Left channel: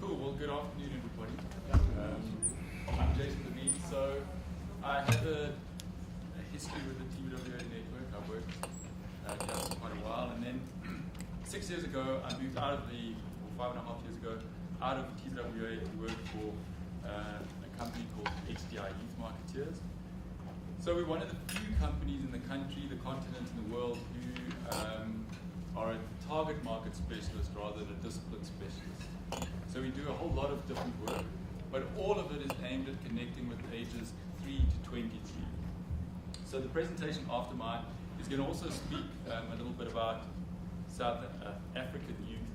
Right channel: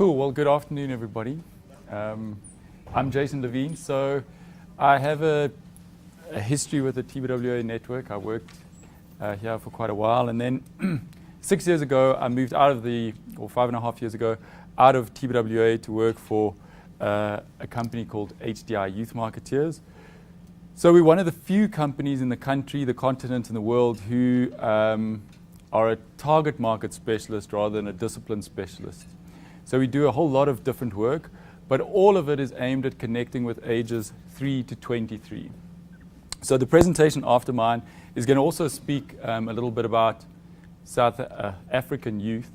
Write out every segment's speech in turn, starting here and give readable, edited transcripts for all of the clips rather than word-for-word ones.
Cool, well, good afternoon, everybody. I'm Jason Levine. So I have a history with the TBWA network. I worked here for quite a while, and then 6 years ago, I moved out of or 5.5 years ago, out of TBWA to work for a company called HDI, Youth Marketeers. So we're one of the few companies in the country, the continent, and the world who are a target market specialist rather than a discipline specialist. So we do a whole lot of different work, but all of it is aimed at connecting with ages 3 to 23. So the presentation after mine is going to also speak a little bit about South African youth,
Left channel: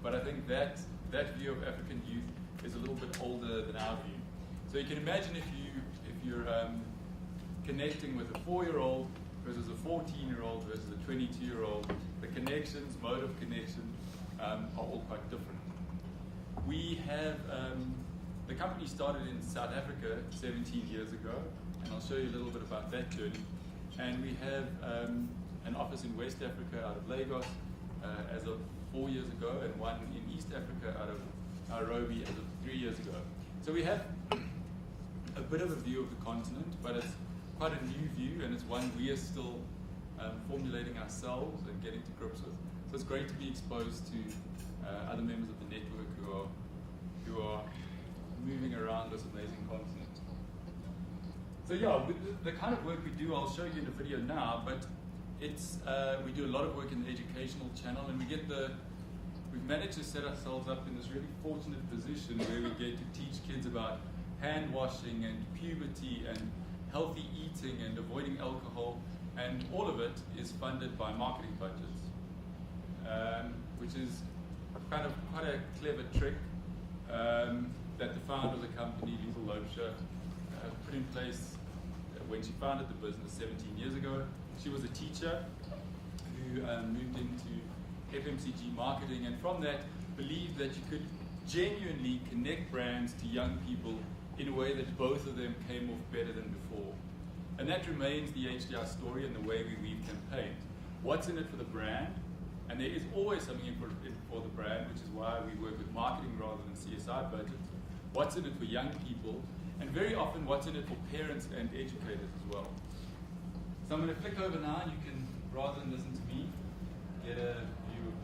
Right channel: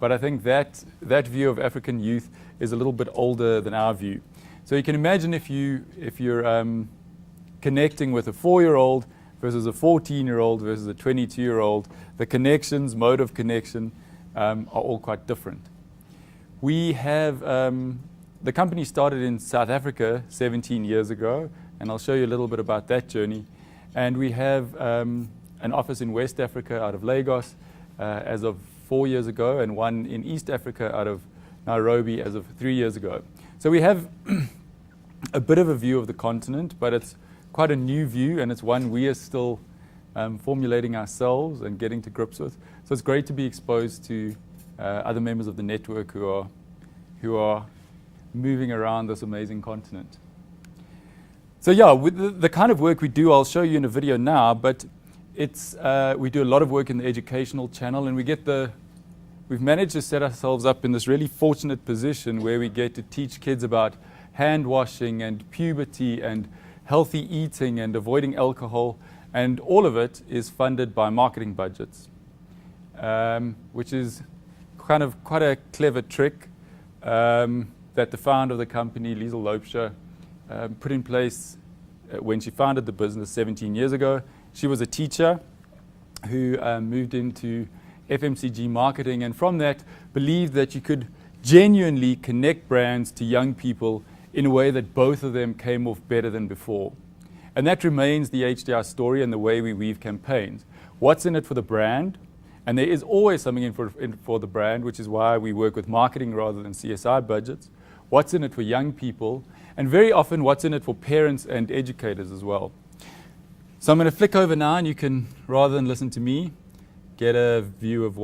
but I think that view of African youth is a little bit older than our view. So you can imagine if you're connecting with a 4-year-old versus a 14-year-old versus a 22-year-old, the connections, mode of connection are all quite different. We have, the company started in South Africa 17 years ago, and I'll show you a little bit about that journey. And we have an office in West Africa out of Lagos as of 4 years ago, and one in East Africa out of Nairobi as of 3 years ago. So we have a bit of a view of the continent, but it's quite a new view, and it's one we are still formulating ourselves and getting to grips with. So it's great to be exposed to other members of the network who are moving around this amazing continent. So yeah, with the kind of work we do, I'll show you in a video now, but it's we do a lot of work in the educational channel, and we've managed to set ourselves up in this really fortunate position where we get to teach kids about hand washing and puberty and healthy eating and avoiding alcohol, and all of it is funded by marketing budgets, which is kind of quite a clever trick that the founder of the company, Liesl Loubser, put in place when she founded the business 17 years ago. She was a teacher who moved into FMCG marketing, and from that believed that you could genuinely connect brands to young people in a way that both of them came off better than before. And that remains the HDI story and the way we weave campaigns. What's in it for the brand? And there is always something in for the brand, which is why we work with marketing rather than CSI budgets. What's in it for young people? And very often what's in it for parents and educators as well. So I'm going to flick over now, and you can, rather than listen to me, get a view of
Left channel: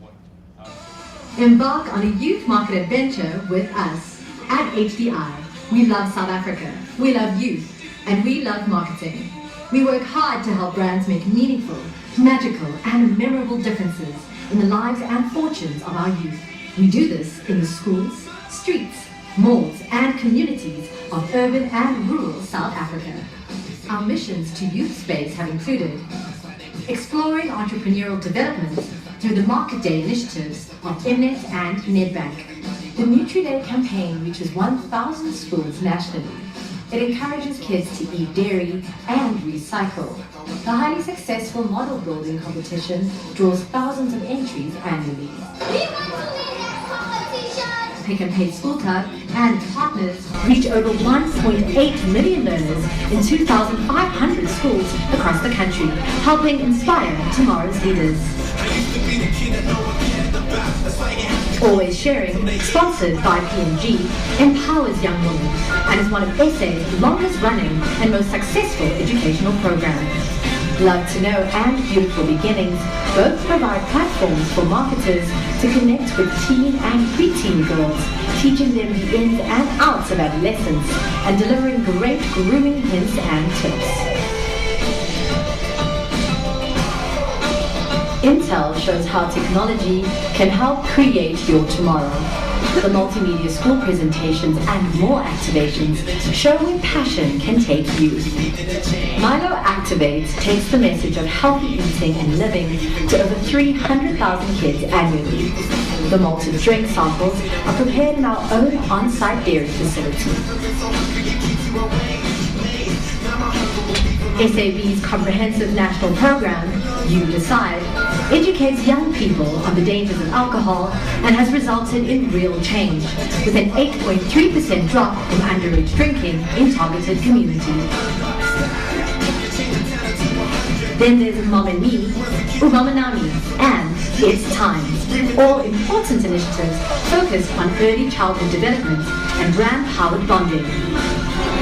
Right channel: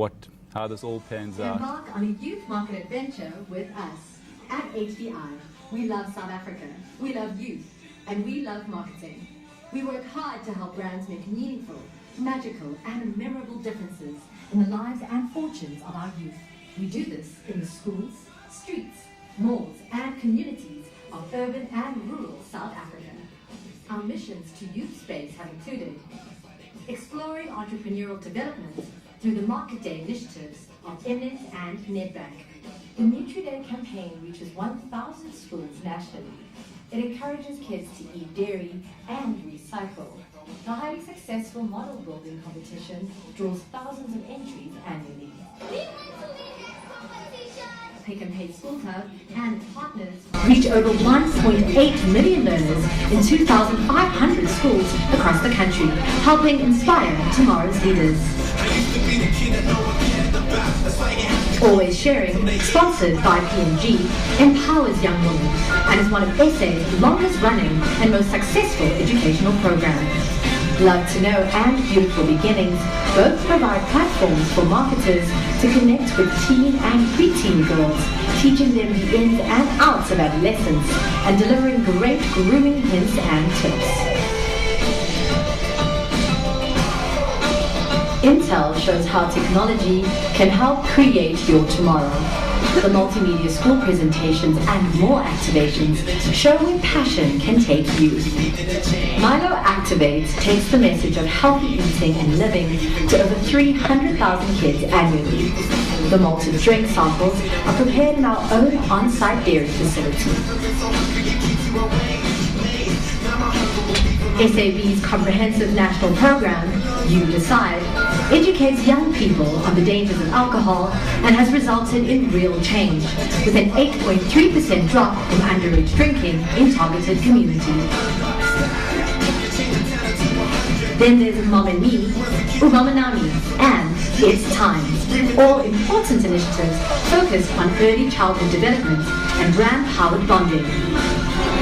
how this all came about. Embark on a youth market adventure with us at HDI. We love South Africa, we love youth, and we love marketing. We work hard to help brands make meaningful, magical, and memorable differences in the lives and fortunes of our youth. We do this in the schools, streets, malls, and communities of urban and rural South Africa. Our missions to youth space have included exploring entrepreneurial development through the Market Day initiatives of Mnet and Nedbank. The Nutri-Day campaign reaches 1,000 schools nationally. It encourages kids to eat dairy and recycle. The highly successful model building competition draws thousands of entries annually. Pick and Pay School Club and partners reach over 1.8 million learners in 2,500 schools across the country, helping inspire tomorrow's leaders. Always Sharing, sponsored by P&G, empowers young women and is one of SA's longest running and most successful educational programs. Love to Know and Beautiful Beginnings both provide platforms for marketers to connect with teen and preteen girls, teaching them the ins and outs of adolescence and delivering great grooming hints and tips. Intel shows how technology can help create your tomorrow. The multimedia school presentations and more activations show where passion can take you. Milo Activate takes the message of healthy eating and living to over 300,000 kids annually. The malted drink samples are prepared in our own on-site dairy facility. SAB's comprehensive national program, You Decide, educates young people on the dangers of alcohol and has resulted in real change, with an 8.3% drop in underage drinking in targeted communities. Then there's Mom and Me, Umama Nami, and It's Time, all important initiatives focused on early childhood development and brand-powered bonding.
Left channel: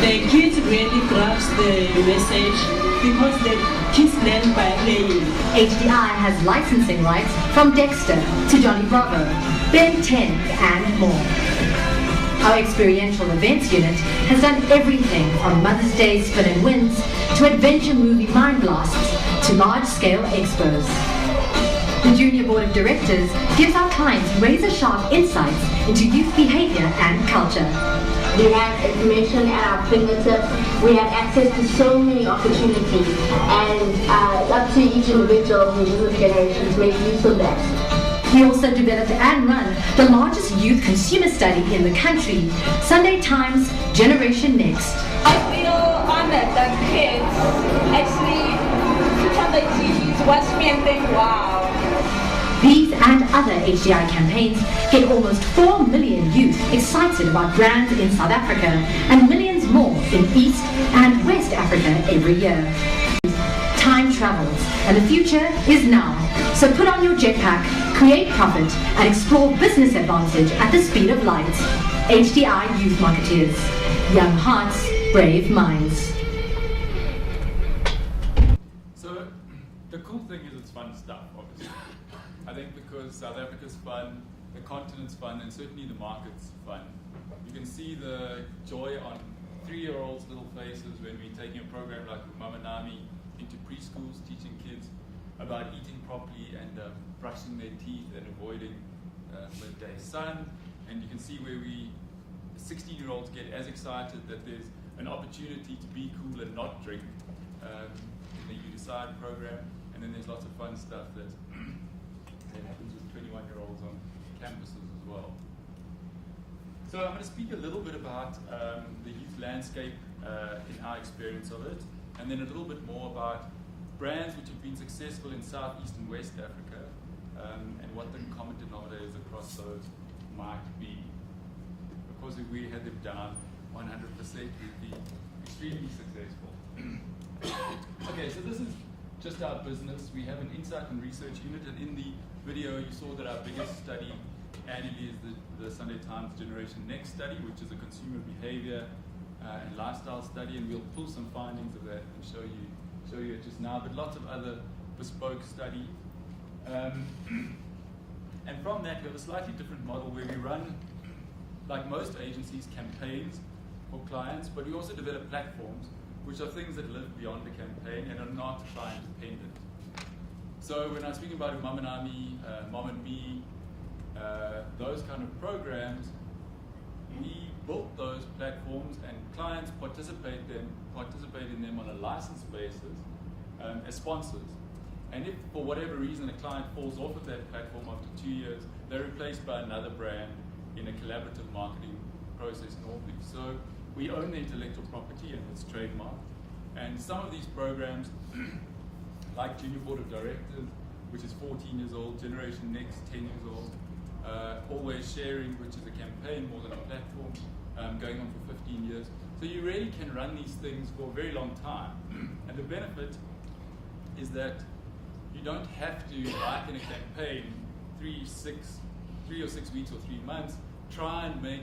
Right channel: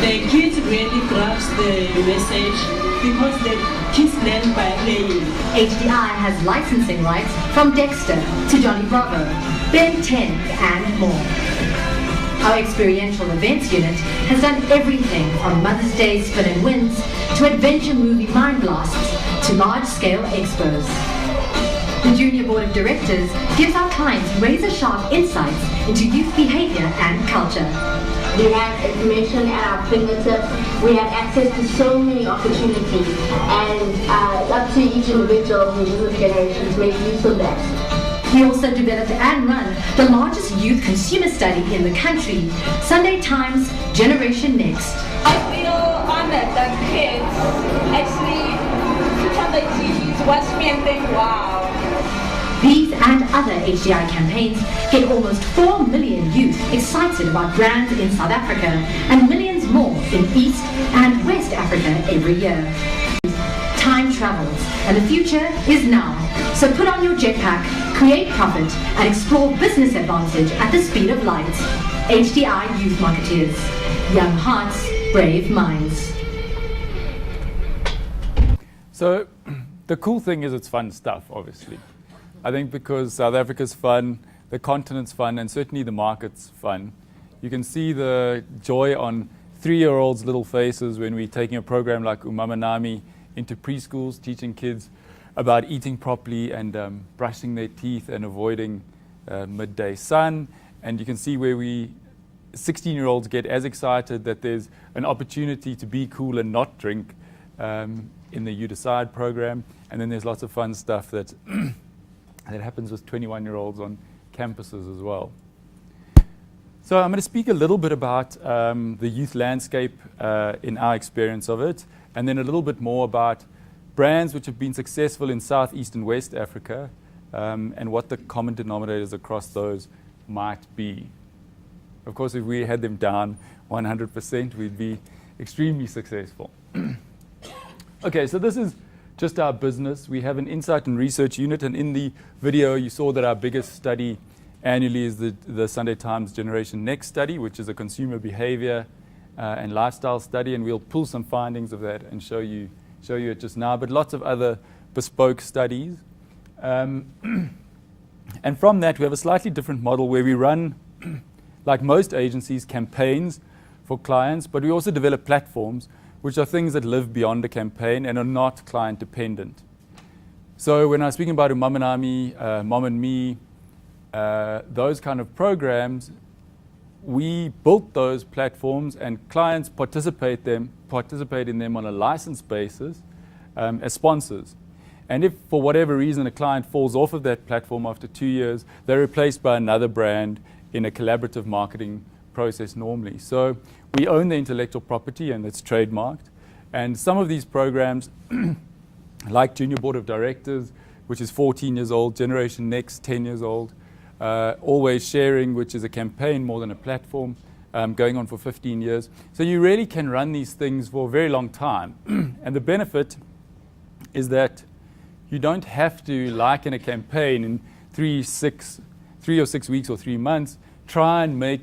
The kids really grasp the message because the kids learn by playing. HDI has licensing rights from Dexter to Johnny Bravo, Ben 10 and more. Our experiential events unit has done everything from Mother's Day spin and wins to adventure movie mind blasts to large-scale expos. The Junior Board of Directors gives our clients razor-sharp insights into youth behavior and culture. We have information at our fingertips. We have access to so many opportunities, and up to each individual who is with generation to make use of that. We also developed and run the largest youth consumer study in the country, Sunday Times Generation Next. I feel honored that kids actually turn the TVs, watch me and think, wow. These and other HDI campaigns get almost 4 million youth excited about brands in South Africa and millions more in East and West Africa every year. Time travels and the future is now. So put on your jetpack, create profit and explore business advantage at the speed of light. HDI Youth Marketeers. Young hearts, brave minds. So the cool thing is it's fun stuff, obviously. I think because South Africa's fun, the continent's fun, and certainly the market's fun. You can see the joy on 3-year-olds' little faces when we're taking a program like Umamanami into preschools, teaching kids about eating properly and brushing their teeth and avoiding midday sun. And you can see where 16-year-olds get as excited that there's an opportunity to be cool and not drink in the You Decide program. And then there's lots of fun stuff that that happens with 21-year-olds on campuses as well. So I'm going to speak a little bit about the youth landscape in our experience of it, and then a little bit more about brands which have been successful in South, East, and West Africa, and what the common denominators across those might be. Of course, if we had them down 100%, we'd be extremely successful. Okay, so this is just our business. We have an insight and research unit, and in the video you saw that our biggest study annually is the Sunday Times Generation Next study, which is a consumer behavior and lifestyle study, and we'll pull some findings of that and show you it just now, but lots of other bespoke studies. And from that we have a slightly different model where we run, like most agencies, campaigns for clients, but we also develop platforms which are things that live beyond a campaign and are not client dependent. So when I was speaking about Umamanami, Mom and Me, those kind of programs, we built those platforms and clients participate in them on a license basis as sponsors. And if for whatever reason a client falls off of that platform after 2 years, they're replaced by another brand in a collaborative marketing process normally. So we own the intellectual property and it's trademarked. And some of these programs, like Junior Board of Directors, which is 14 years old, Generation Next, 10 years old, Always Sharing, which is a campaign more than a platform, going on for 15 years. So you really can run these things for a very long time. And the benefit is that you don't have to, like in a campaign, in 3 or 6 weeks or 3 months, try and make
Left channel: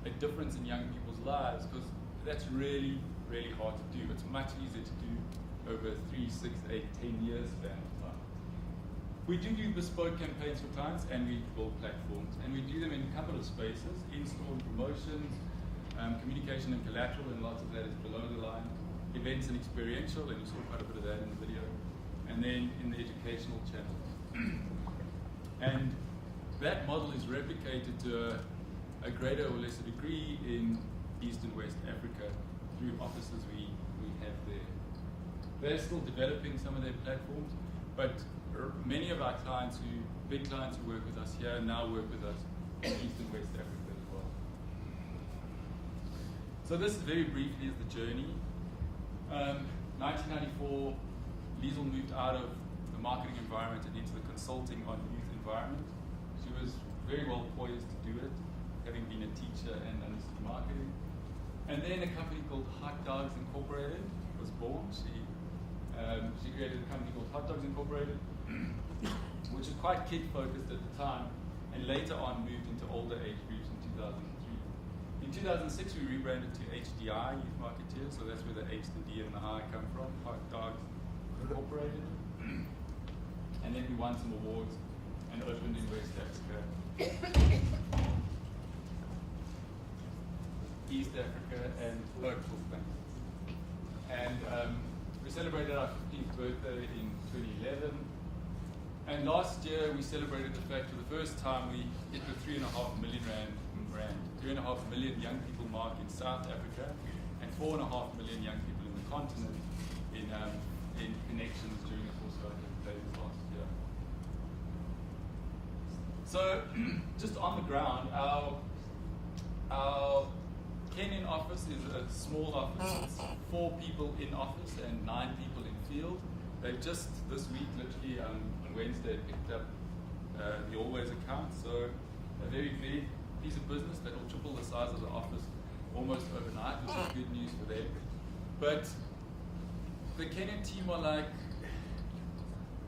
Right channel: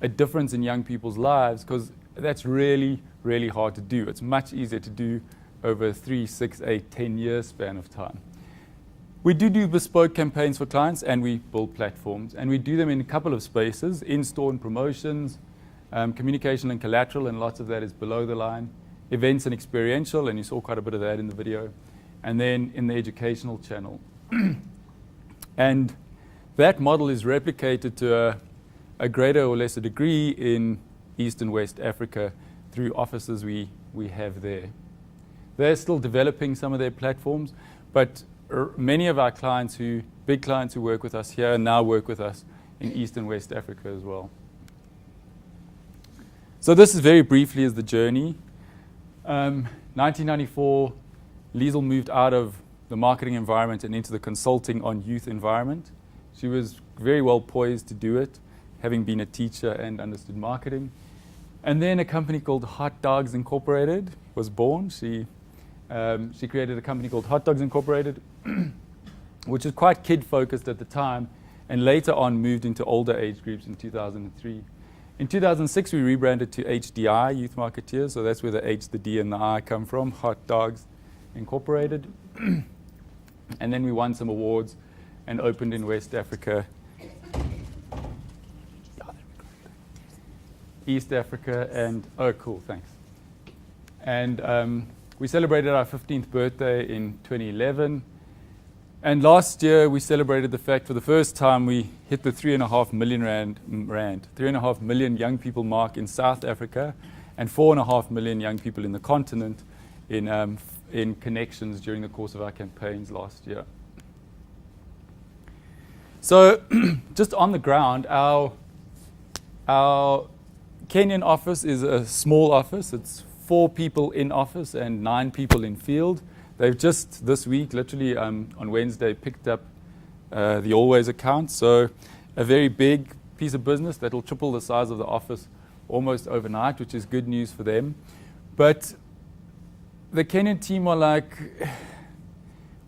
a difference in young people's lives, because that's really, really hard to do. It's much easier to do over a 3, 6, 8, 10 year span of time. We do bespoke campaigns for clients, and we build platforms, and we do them in a couple of spaces: in-store and promotions, communication and collateral, and lots of that is below the line, events and experiential, and you saw quite a bit of that in the video, and then in the educational channel. And that model is replicated to a greater or lesser degree in East and West Africa through offices we have there. They're still developing some of their platforms, but many of our clients, big clients who work with us here, now work with us in East and West Africa as well. So this is very briefly is the journey. 1994, Liesl moved out of the marketing environment and into the consulting on youth environment. She was very well poised to do it, having been a teacher and understood marketing. And then a company called Hot Dogs Incorporated was born. She created a company called Hot Dogs Incorporated. which was quite kid-focused at the time, and later on moved into older age groups in 2003. In 2006, we rebranded to HDI, Youth Marketeers, so that's where the H, the D, and the I come from, Hot Dogs Incorporated. And then we won some awards and opened in West Africa, East Africa, and oh, cool, thanks. And we celebrated our 15th birthday in 2011. And last year, we celebrated the fact for the first time we hit the 3.5 million rand, 3.5 million young people mark in South Africa, and 4.5 million young people in the continent in connections during the course of our campaigns last year. So just on the ground, our Kenyan office is a small office. It's 4 people in office and 9 people in field. They've just this week, literally on Wednesday, picked up the Always account. So a very big piece of business that will triple the size of the office almost overnight, which is good news for them. But the Kenyan team are like,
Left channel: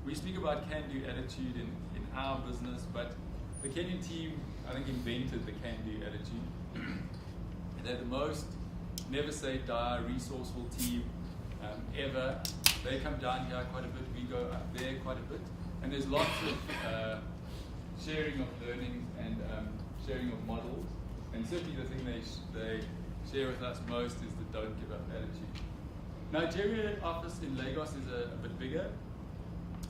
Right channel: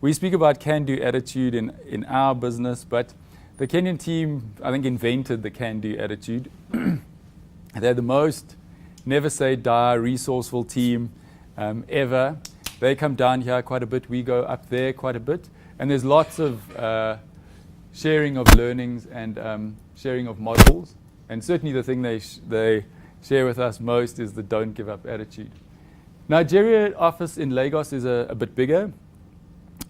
we speak about can-do attitude in our business, but the Kenyan team, I think, invented the can-do attitude. They're the most never-say-die, resourceful team ever. They come down here quite a bit. We go up there quite a bit. And there's lots of sharing of learnings and sharing of models. And certainly the thing they share with us most is the don't give up attitude. Nigeria office in Lagos is a bit bigger.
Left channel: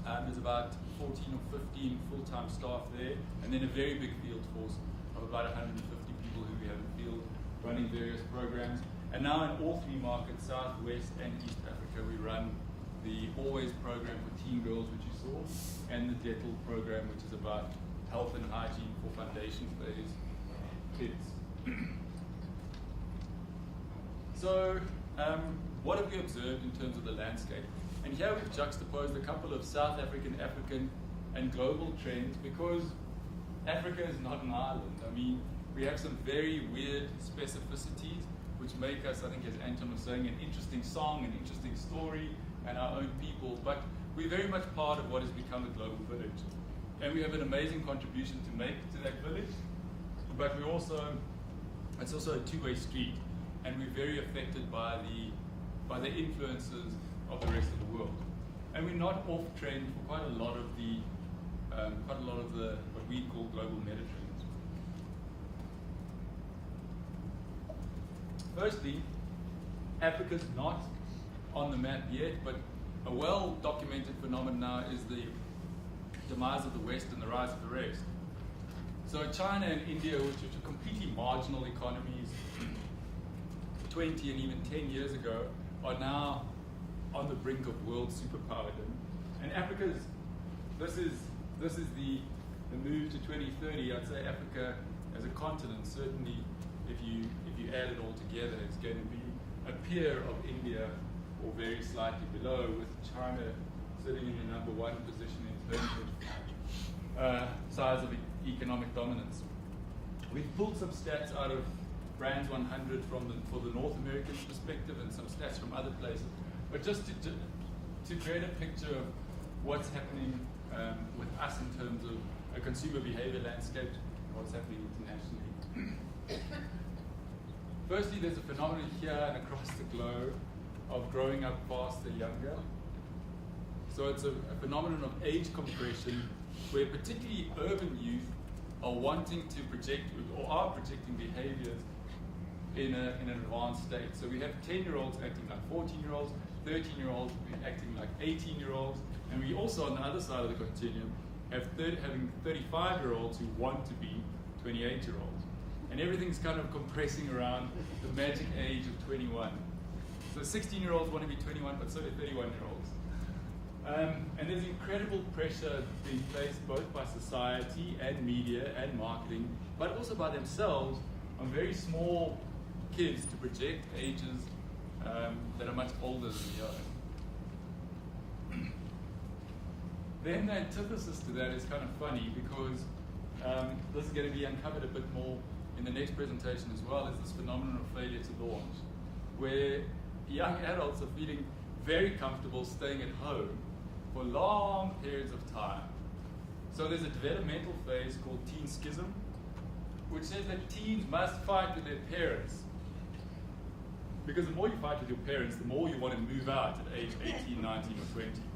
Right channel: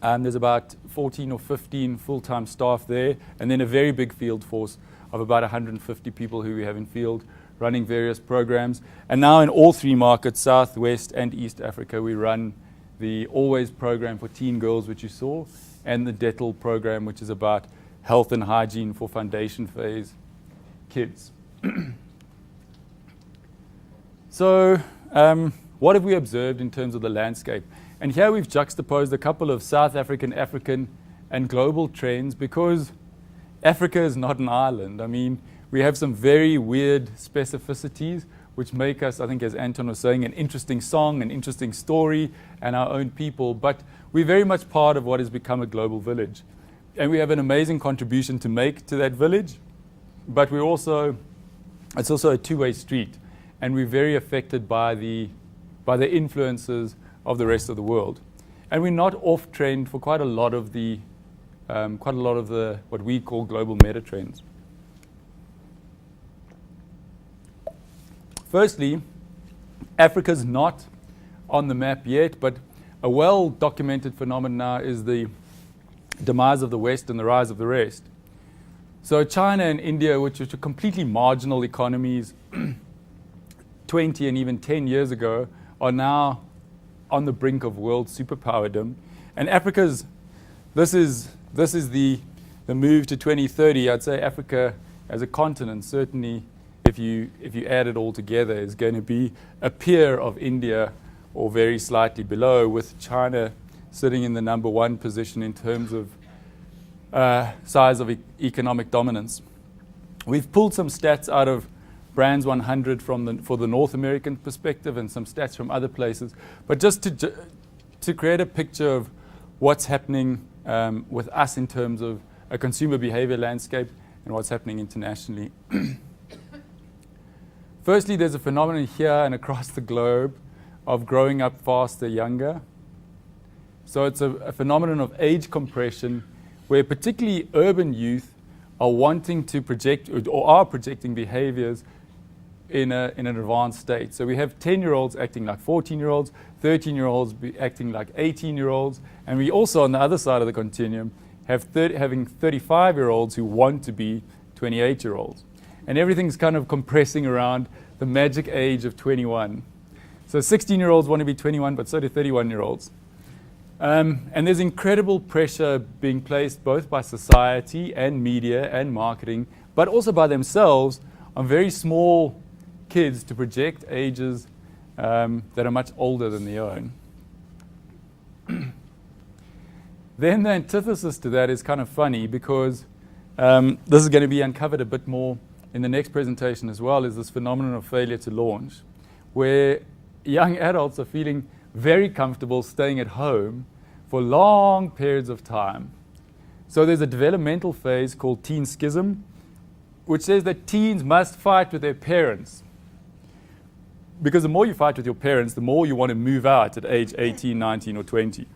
There's about 14 or 15 full-time staff there, and then a very big field force of about 150 people who we have in field running various programs. And now in all 3 markets, South, West, and East Africa, we run the Always program for teen girls, which you saw, and the Dettel program, which is about health and hygiene for foundation phase kids. So what have we observed in terms of the landscape? And here we've juxtaposed a couple of South African, and global trends, because Africa is not an island. I mean, we have some very weird specificities which make us, I think, as Anton was saying, an interesting song, an interesting story, and our own people. But we're very much part of what has become a global village. And we have an amazing contribution to make to that village, but it's also a two-way street. And we're very affected by the influences of the rest of the world. And we're not off trend for quite a lot of the what we call global meta trends. Firstly, Africa's not on the map yet, but a well-documented phenomenon now is the demise of the West and the rise of the rest. So China and India, which are completely marginal economies 20 and even 10 years ago, are now on the brink of world superpowerdom. And this is the move to 2030. I'd say Africa as a continent, certainly if you add it all together, is going to be a peer of India or very slightly below, with China sitting in the number 1 position in terms of size of economic dominance. We've pulled some stats out of Brands 100 for the North American perspective and some stats from other places, but just to create a picture of what's happening with us in terms of a consumer behavior landscape and what's happening internationally. Firstly, there's a phenomenon here and across the globe of growing up faster, younger. So it's a phenomenon of age compression, where particularly urban youth are wanting to project or are projecting behaviors in an advanced state. So we have 10-year-olds acting like 14-year-olds, 13-year-olds acting like 18-year-olds, and we also, on the other side of the continuum, having 35-year-olds who want to be 28-year-olds. And everything's kind of compressing around the magic age of 21. So 16-year-olds want to be 21, but so do 31-year-olds. And there's incredible pressure being placed both by society and media and marketing, but also by themselves on very small kids to project ages that are much older than their own. Then the antithesis to that is kind of funny, because this is going to be uncovered a bit more in the next presentation as well, is this phenomenon of failure to launch, where young adults are feeling very comfortable staying at home for long periods of time. So there's a developmental phase called teen schism, which says that teens must fight with their parents. Because the more you fight with your parents, the more you want to move out at age 18, 19, or 20.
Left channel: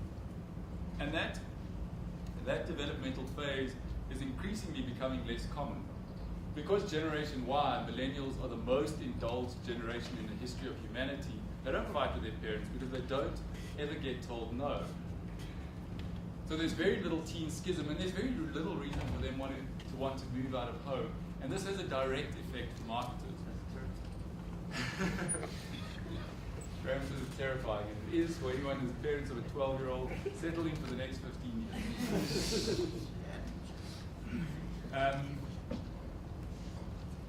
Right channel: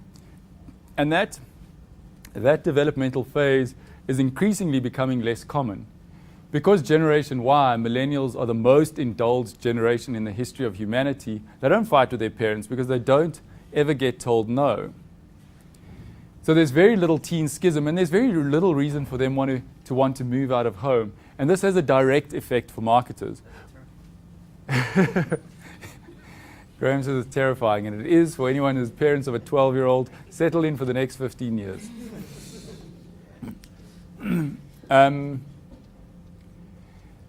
And that developmental phase is increasingly becoming less common. Because Generation Y, millennials, are the most indulged generation in the history of humanity, they don't fight with their parents because they don't ever get told no. So there's very little teen schism, and there's very little reason for them to want to move out of home. And this has a direct effect for marketers. Graham says it's terrifying, and it is for anyone who's parents of a 12-year-old. Settle in for the next 15 years.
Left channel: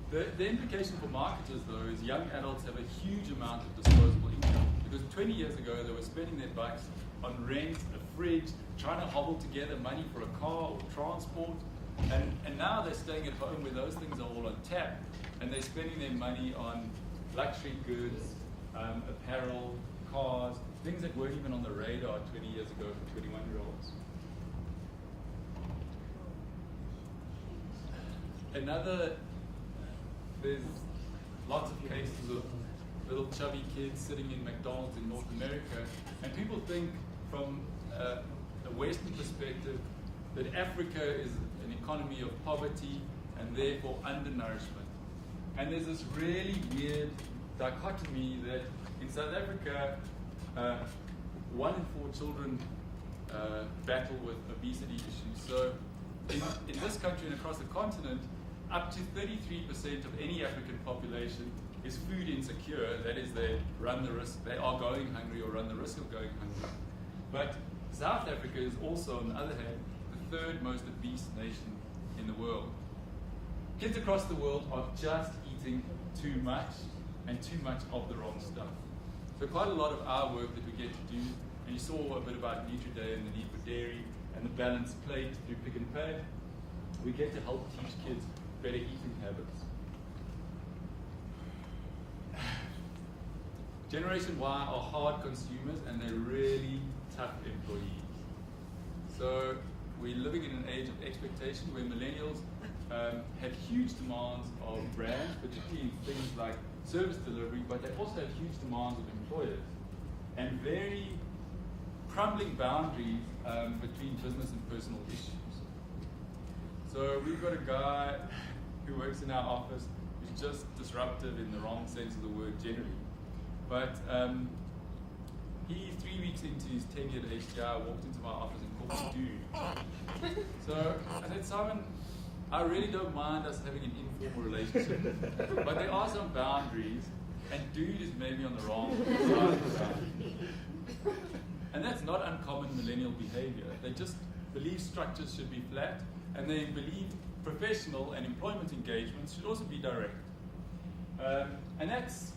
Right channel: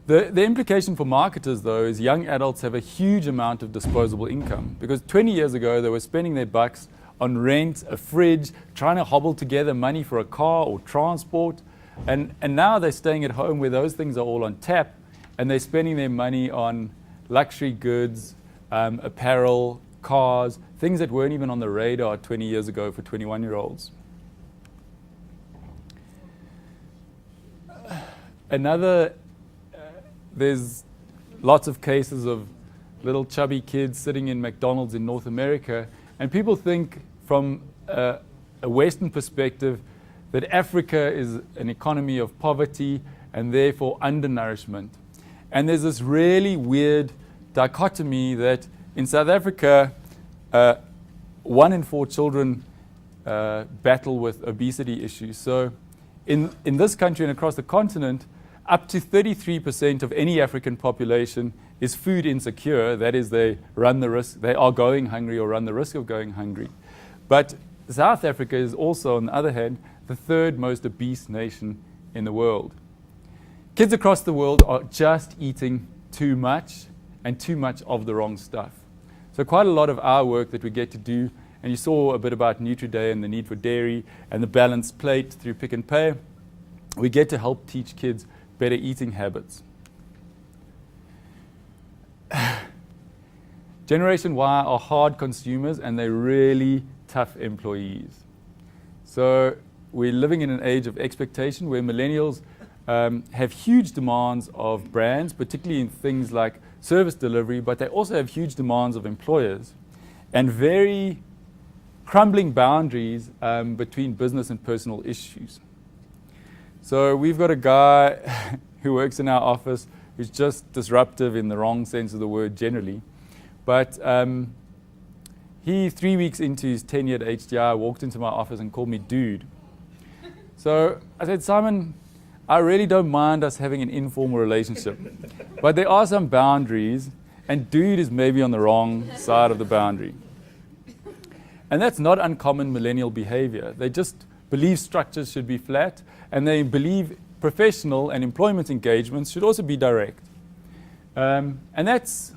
The implication for marketers, though, is young adults have a huge amount of disposable income. Because 20 years ago, they were spending their bucks on rent, a fridge, trying to hobble together money for a car or transport. And now they're staying at home where those things are all on tap, and they're spending their money on luxury goods, apparel, cars, things that weren't even on the radar 20 years ago for 21-year-olds. There's lots of cases of little chubby kids sitting in McDonald's in North America, and people think from a Western perspective that Africa is an economy of poverty and therefore undernourishment. And there's this really weird dichotomy that in South Africa, 1 in 4 children battle with obesity issues. So in this country and across the continent, up to 33% of any African population is food insecure. That is, they are going hungry or run the risk of going hungry. But South Africa is also, on the other hand, the 3rd most obese nation in the world. Kids across the world are just eating too much and too much of the wrong stuff. So quite a lot of our work that we get to do, and you saw a bit about Nutri-Day and the need for dairy and the balanced plate through Pick and Pay, we get to help teach kids better eating habits. Generation Y are hard consumers, and they're really tough employees. So we're living in an age of expectation where millennials have huge demands of brands, particularly in things like service delivery, but they also have huge demands of employers and very crumbling boundaries between business and personal issues. So we've got a guy who works in our office who's just disruptive in the wrong sense of the word generally. But he, 3 weeks into his tenure at HDI, walked into my office and called me dude. So I said, Simon, I really don't mind us having an informal relationship, but there are some boundaries, and dude is maybe on the wrong side of the boundary. And that's not uncommon millennial behavior. They just believe structures should be flat, and they believe professional and employment engagements should also be direct. And that's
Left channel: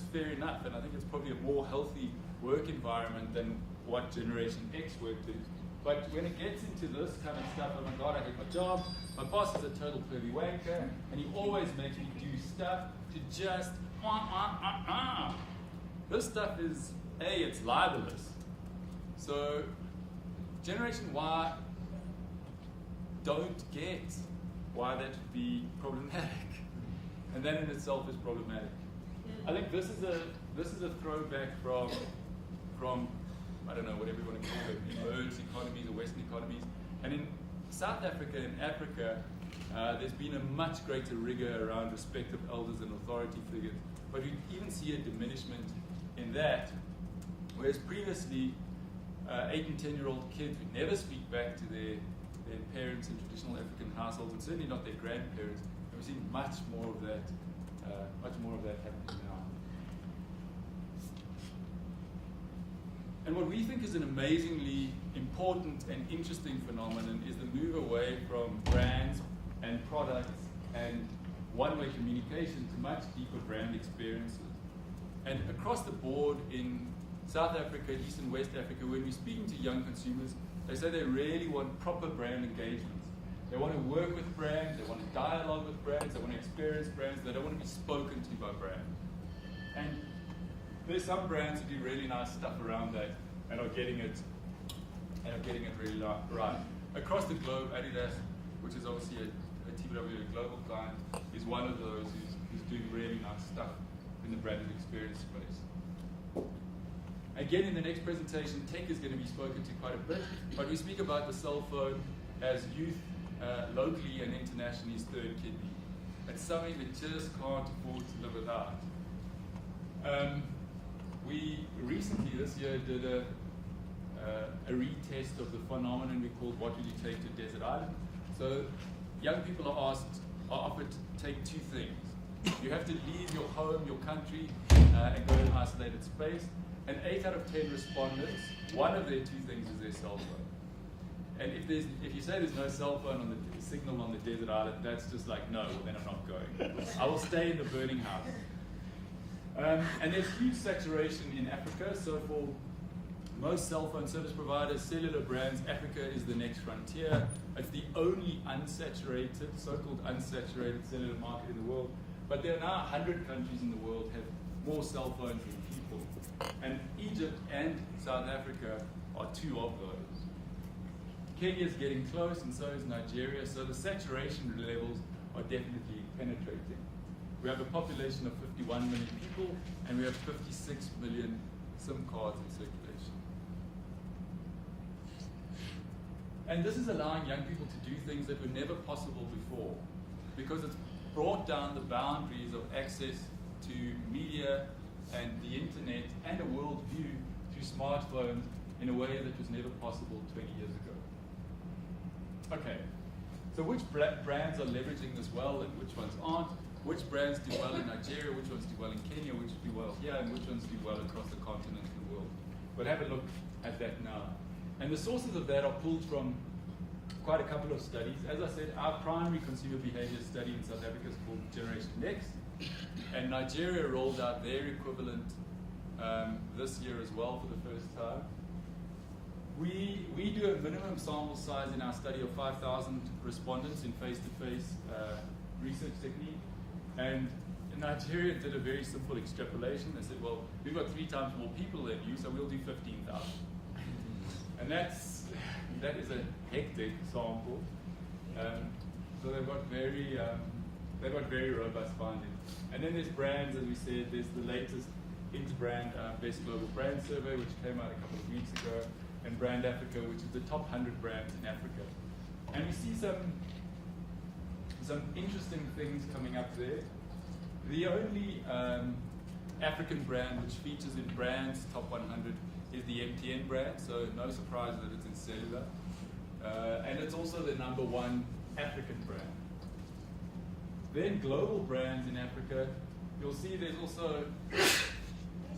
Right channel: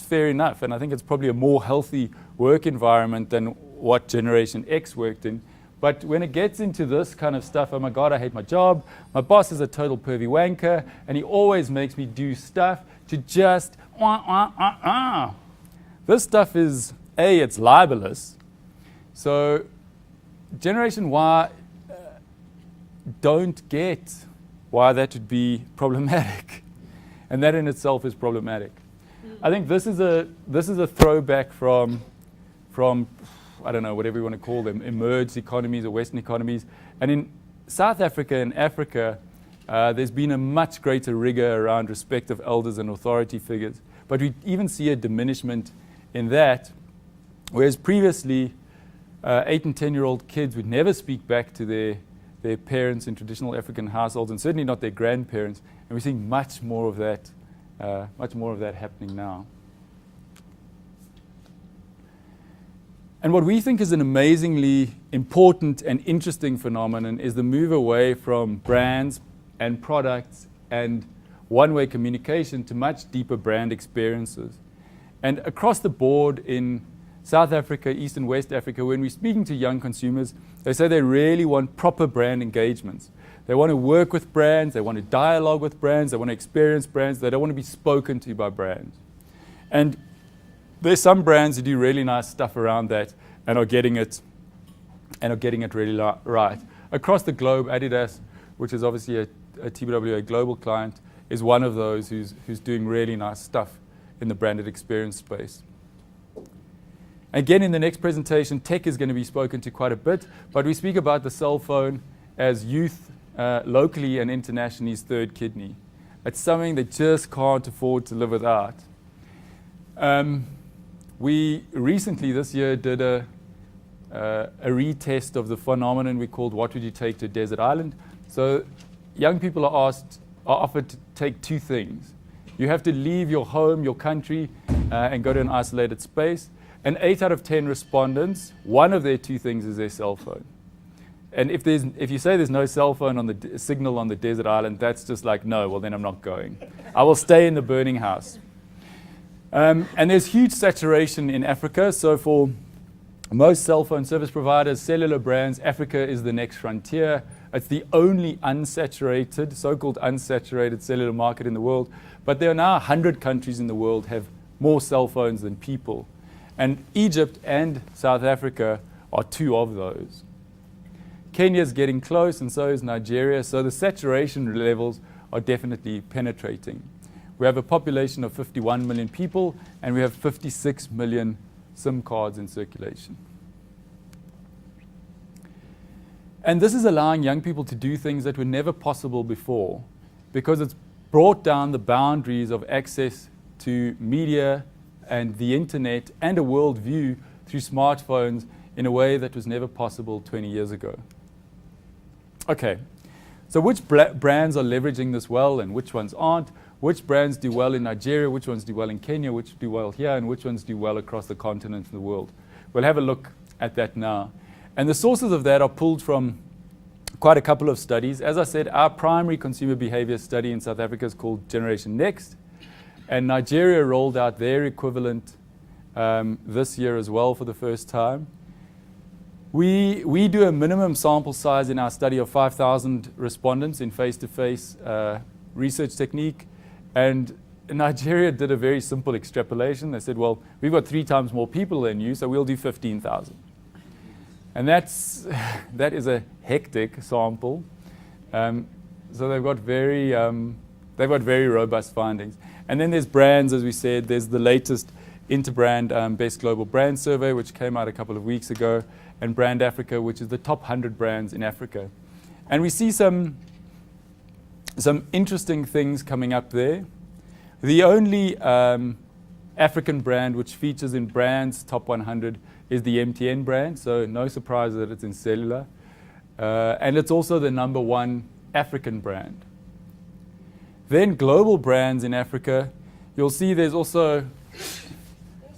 fair enough, and I think it's probably a more healthy work environment than what Generation X worked in. But when it gets into this kind of stuff, oh my God, I hate my job, my boss is a total pervy wanker, and he always makes me do stuff to just This stuff is, A, it's libelous. So Generation Y don't get why that would be problematic. And that in itself is problematic. I think this is a throwback from I don't know, whatever you want to call them, emerged economies or Western economies. And in South Africa and Africa, there's been a much greater rigor around respect of elders and authority figures. But we even see a diminishment in that, whereas previously, 8 and 10-year-old kids would never speak back to their parents in traditional African households, and certainly not their grandparents. And we're seeing much more of that happening now. And what we think is an amazingly important and interesting phenomenon is the move away from brands and products and one-way communication to much deeper brand experiences. And across the board in South Africa, East and West Africa, when we're speaking to young consumers, they say they really want proper brand engagements. They want to work with brands, they want to dialogue with brands, they want to experience brands, they don't want to be spoken to by brands. And there's some brands who do really nice stuff around that and are getting it really right. across the globe, Adidas, which is obviously a TBWA global client, is one of those who's doing really nice stuff in the branded experience space. Again, in the next presentation, tech is going to be spoken to quite a bit, but we speak about the cell phone as youth, locally and internationally's third kidney. It's something they just can't afford to live without. We recently, this year, did a retest of the phenomenon we called "What would you take to a desert island?" So young people are offered to take two things. You have to leave your home, your country, and go to an isolated space. And 8 out of 10 respondents, one of their two things is their cell phone. And if you say there's no cell phone on the signal on the desert island, that's just like, no, well then I'm not going. I will stay in the burning house. And there's huge saturation in Africa. So for most cell phone service providers, cellular brands, Africa is the next frontier. It's the only unsaturated, so-called unsaturated cellular market in the world. But there are now 100 countries in the world have more cell phones than people. And Egypt and South Africa are two of those. Kenya is getting close, and so is Nigeria. So the saturation levels are definitely penetrating. We have a population of 51 million people, and we have 56 million SIM cards in circulation. And this is allowing young people to do things that were never possible before, because it's brought down the boundaries of access to media and the internet and a worldview through smartphones in a way that was never possible 20 years ago. Okay, so which brands are leveraging this well and which ones aren't? Which brands do well in Nigeria, which ones do well in Kenya, which do well here, and which ones do well across the continent and the world? We'll have a look at that now. And the sources of that are pulled from quite a couple of studies. As I said, our primary consumer behavior study in South Africa is called Generation Next. And Nigeria rolled out their equivalent this year as well for the first time. We do a minimum sample size in our study of 5,000 respondents in face-to-face research technique. And Nigeria did a very simple extrapolation. They said, well, we've got 3 times more people than you, so we'll do 15,000. And that is a hectic sample. So they've got very robust findings. And then there's brands, as we said. There's the latest Interbrand Best Global Brand Survey, which came out a couple of weeks ago, and Brand Africa, which is the top 100 brands in Africa. And we see some interesting things coming up there. The only African brand which features in Brand's top 100 is the MTN brand, so no surprise that it's in cellular. And it's also the #1 African brand. Then global brands in Africa, you'll see there's also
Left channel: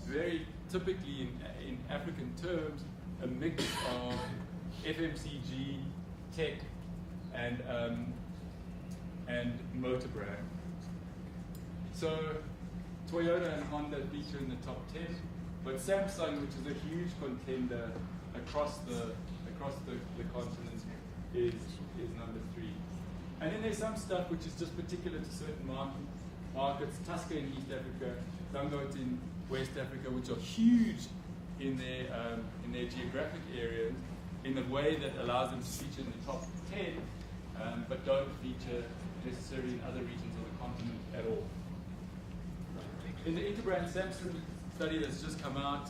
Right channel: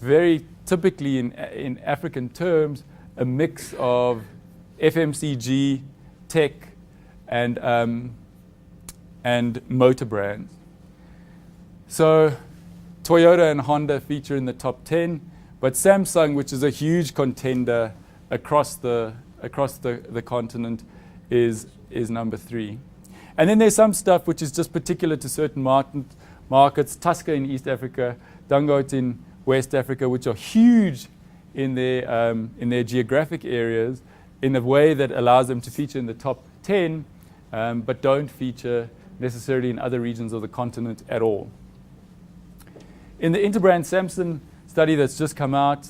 very typically in African terms, a mix of FMCG, tech, and motor brands. So Toyota and Honda feature in the top 10, but Samsung, which is a huge contender across the continent, is #3. And then there's some stuff which is just particular to certain markets, Tusker in East Africa, Dangote in West Africa, which are huge in their geographic areas in a way that allows them to feature in the top 10, but don't feature necessarily in other regions of the continent at all. In the Interbrand Samsung study that's just come out,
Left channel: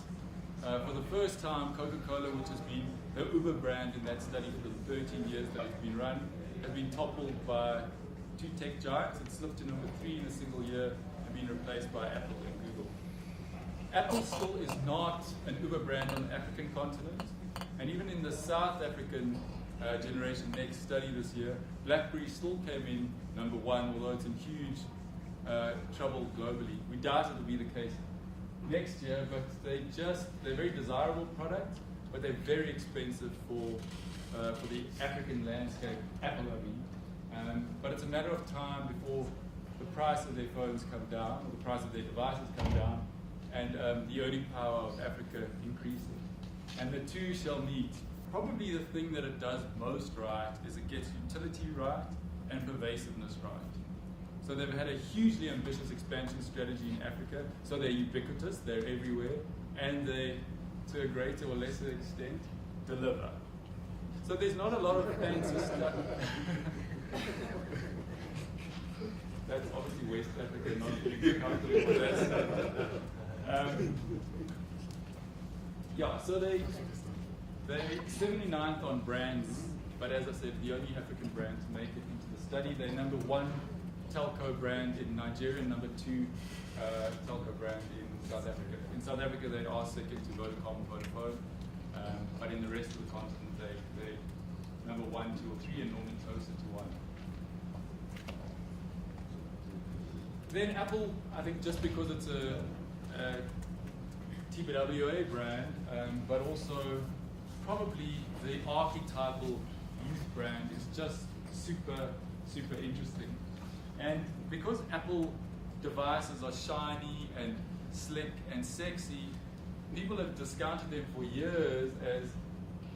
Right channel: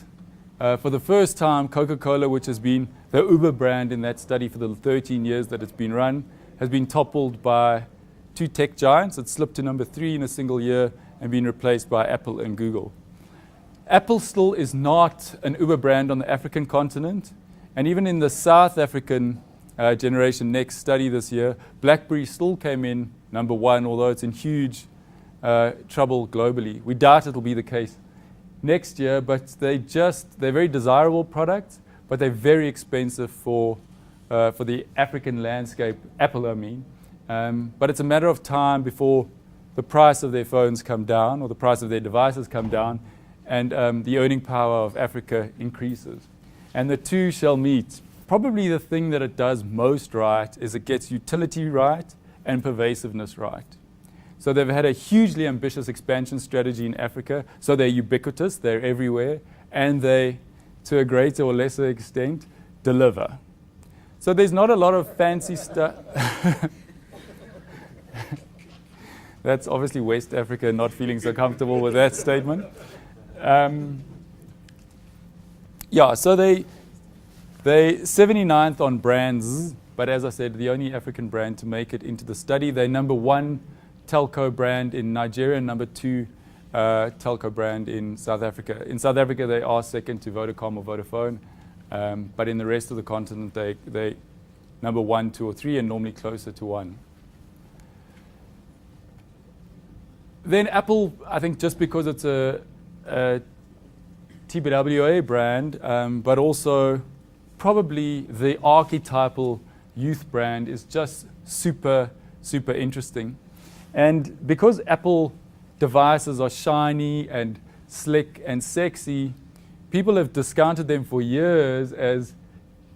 for the first time, Coca-Cola, which has been the Uber brand in that study for the 13 years that it's been run, has been toppled by 2 tech giants. It slipped to #3 in a single year and been replaced by Apple and Google. Apple still is not an Uber brand on the African continent. And even in the South African Generation Next study this year, BlackBerry still came in #1, although it's in huge trouble globally. We doubt it'll be the case next year, but they're very desirable products, but they're very expensive for the African landscape, Apple I mean. But it's a matter of time before the price of their phones come down or the price of their devices come down and the earning power of Africa increases. And the two shall meet. Probably the thing that it does most right is it gets utility right and pervasiveness right. So they've had a hugely ambitious expansion strategy in Africa. So they're ubiquitous, they're everywhere, and they, to a greater or lesser extent, deliver. So there's not a lot of fancy stuff. That's obviously West Africa not feeling so comfortable with that statement. Yeah, so they 79th on brands, but as I said, the only African brand to make it into the study. They're number 1 telco brand in Nigeria, and number 2 telco brand in South Africa. In South Africa, they are second to Vodacom or Vodafone, but in the rest of the continent, they number 1, 2, or 3, and normally closer to 1. Then Apple, I think just because it's a TBWA brand, but also probably the archetypal youth brand is just super, super interesting. And because Apple devices are shiny and slick and sexy, people have discounted them for years as